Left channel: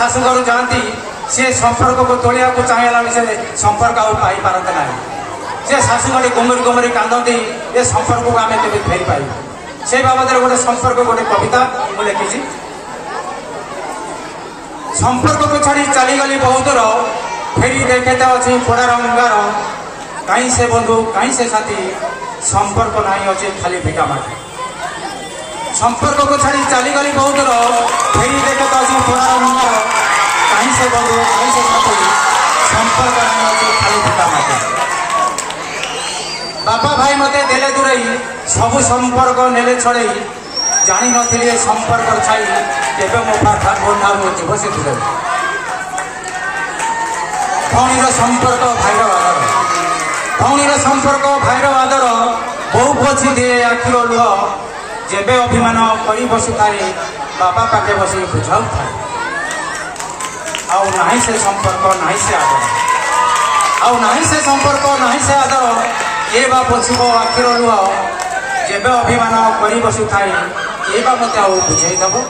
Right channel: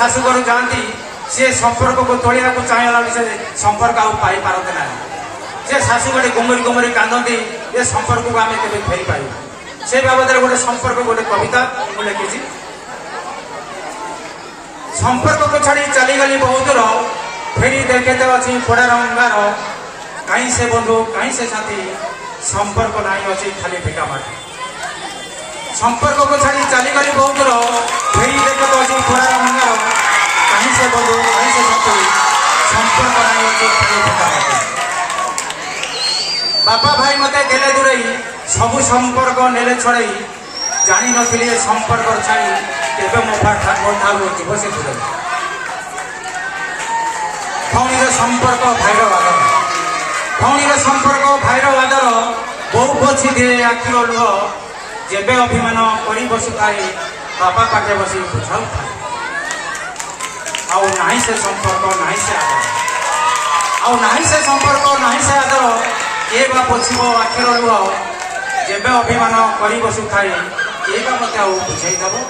शाशुघर जाती से संपर्क को तोड़िया को चाहेला से संपर्क पाई पारते ना से शाशुघर गुमरी गुमरी कांदती ये संपर्क को आम के फेरी पाइबू से बाबद गोटे संपर्क गोटे कविता मुझे लिखी संपर्क को छाड़ी चलीगली बहुत दूर फेरी देखते अच्छी पोड़ार अंगार कहीं से बंधु कहीं से साथी संपर्क नहीं अच्छी खाली भिका माटी संपर्क को छाड़ी चलीगली बहुत दूर फेरी देखते अच्छी पोड़ार अंगार कहीं से बंधु कहीं से साथी संपर्क नहीं अच्छी खाली भिका माटी बापा भाई मते देले दूरई सबु संपर्क नेले छड़ई जानी नथिले संपर्क छाई केबे मो नाम जीव से दूर भौणीर संपर्क भाईर आदर भौणीर संपर्क भाईर आदर बहु पोछि दे आखिर लुह जेबे अभिमान करी बसु थाए बापा पाखे बसी बुझाऊ थाए आउ नाही से संपर्क नाही से आदर आउ नाही से संपर्क नाही से आदर ये बा पोछिबो आखिर लुह जेबे अभिमान करी बसु थाए ये बा मते आउ बुझाई दबो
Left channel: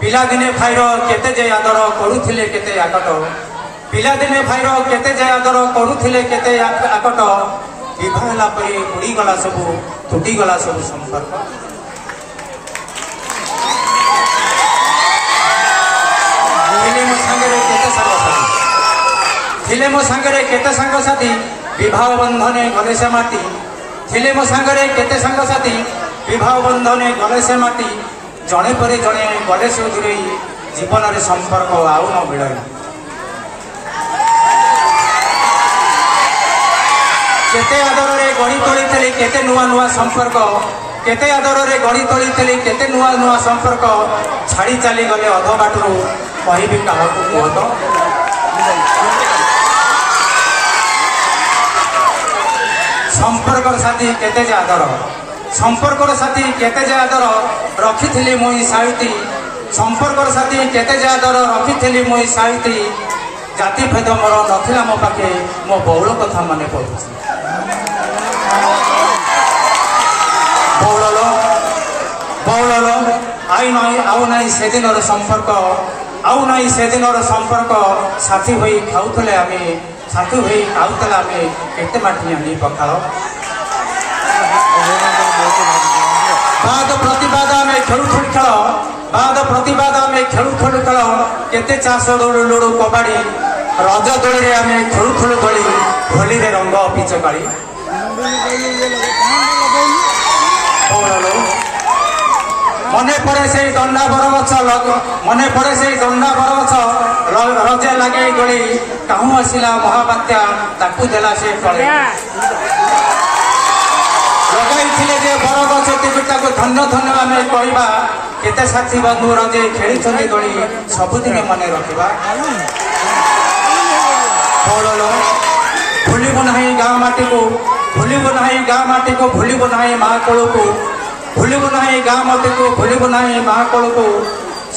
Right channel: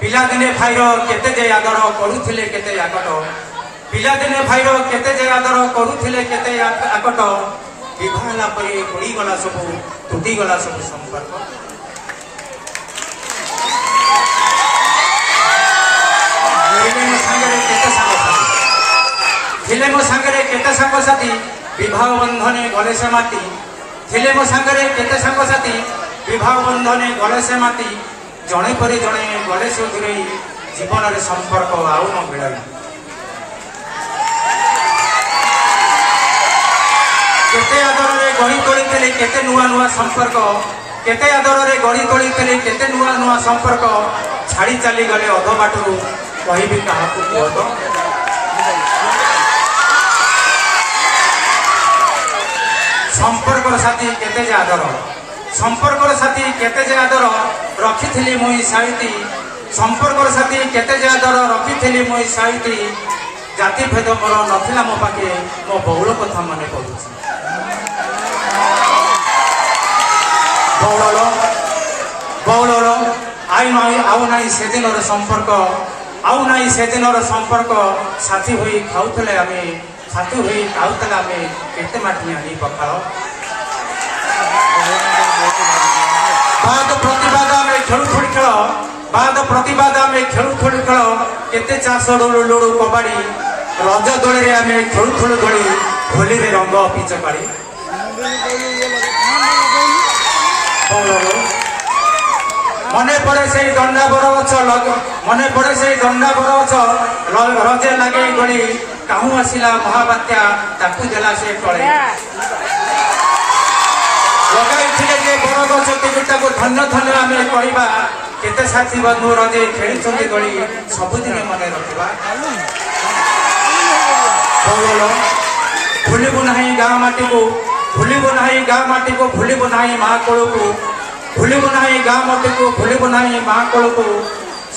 पिलादिने भाईर केते जे आदर करुथिले केते आकट पिलादिने भाईर केते जे आदर करुथिले केते आकट विभाला परी उड़ी गला सब टूटी गला सब संपर्क थिले मो सांगरे केते सांग साथी विवाह बंधने गले से माटी थिले मो सांगरे केते सांग साथी विवाह बंधने गले से माटी जड़े पर जड़े गले से दूरे जीवन में संपर्क आउ न मिले केते आदर रे गढ़ी तोली थे केते नुआ नुआ संपर्क केते आदर रे गढ़ी तोली थे केते नुआ नुआ संपर्क छाड़ी चली गले अध बाटू कहबी क्या कहत संपर्क साथी केते जे आदर संपर्क साथी केते जे आदर रखी मुई साइती संपर्क साथी केते जे आदर रखी मुई साइती जाति भेद मोर नथिला मो पाखे मो बौल कथा माने पड़ुछि बौल बौल आई माई आउ नाई से दिन संपर्क आउ नाई से दिन संपर्क साथी होई खाउतले आमे साथी होई खाउतले आमे केते माटी आनी पकाओ बाद प्रतिवाद में खेलु खेल खेल बाद प्रतिवाद में खेलु खेल खेल केते चाष लोड़ कबाड़ी रज दोली में खेलु खेलु दोली होली रे रंग पिचकारी मने पड़े से दंडा बरगछ मने पड़े से दंडा बरगछ रजे लगे दोली कहूँ आसला महाबात्या ताकू देला से टले लगाई बरगछ टिकिटा को धन्य धन्य आम कहवा केते साथी बंधु रजे खेली दोली सबुदिन मन रखा भूलबू ना गाँ माटी को भूलबू ना गाँ माटी को भूलबू ना माँ कोल को भूलबू ना गाँ माटी को भूलबू ना माँ कोल को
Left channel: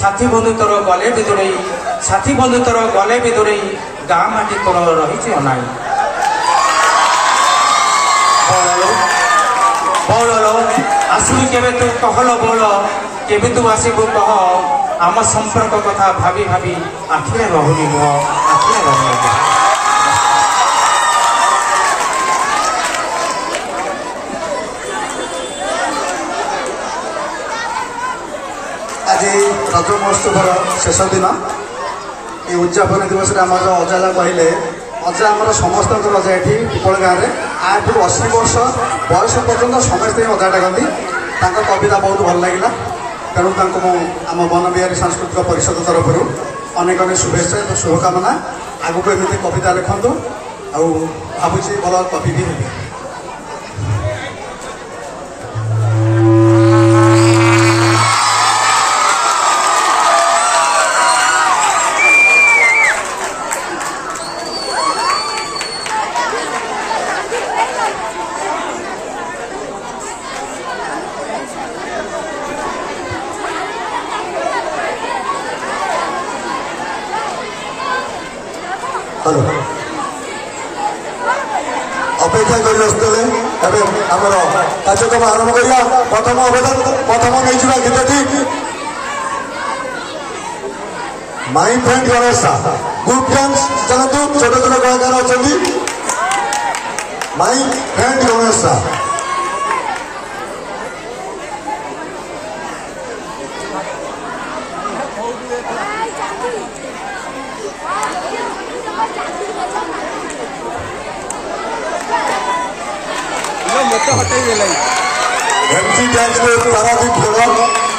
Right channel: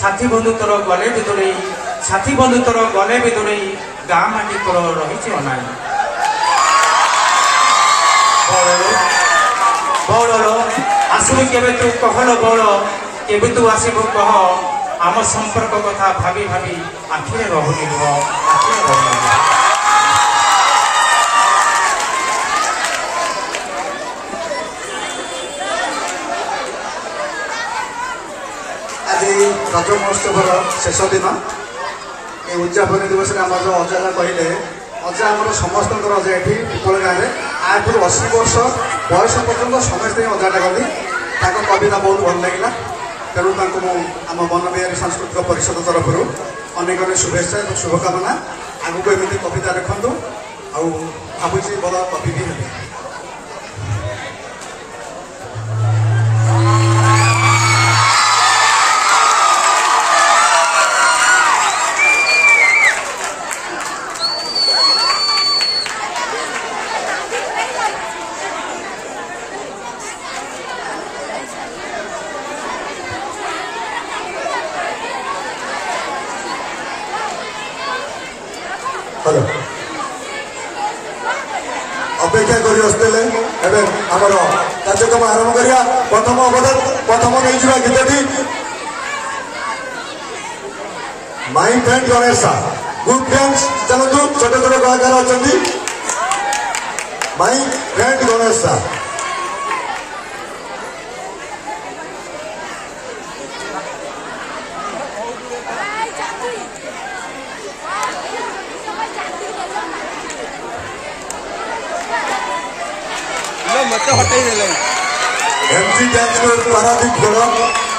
साथी बंधु तोर गले भी दूरे साथी बंधु तोर गले भी दूरे गाँ माटी तोर रही अनाई बौल आसू केबे तू कहल बौल केबे तू आसबू कह आम संपर्क कथा भाभी भाभी आखिरे रहुनी नुह आखिरे रहुनी आज रज महोत्सव शेष दिन ये उद्यापन दिवस में आम जो अजा कहले अजा आम समस्त अजा ये पिपल गाँव में आज 80 वर्ष बयस पर्यटन समस्ते अजा डाकती कविता बहुत भल लगे तेणु आम मन बिहारी सांस्कृतिक परिषद तरफ अनेक अनेक शुभेच्छा शुभकामना आगू एमती कविता लिखु आबुची भल कवि भी हे हेलो अपेक्षा कर कार्यक्रम आरंभ करिया प्रथम अवदान प्रथम नहीं गीतटी my friend Ganesh Sah good friends चलतु छोट छोट कलाकार अच्छा my friend Ganesh Sah MC tax Paradip खेल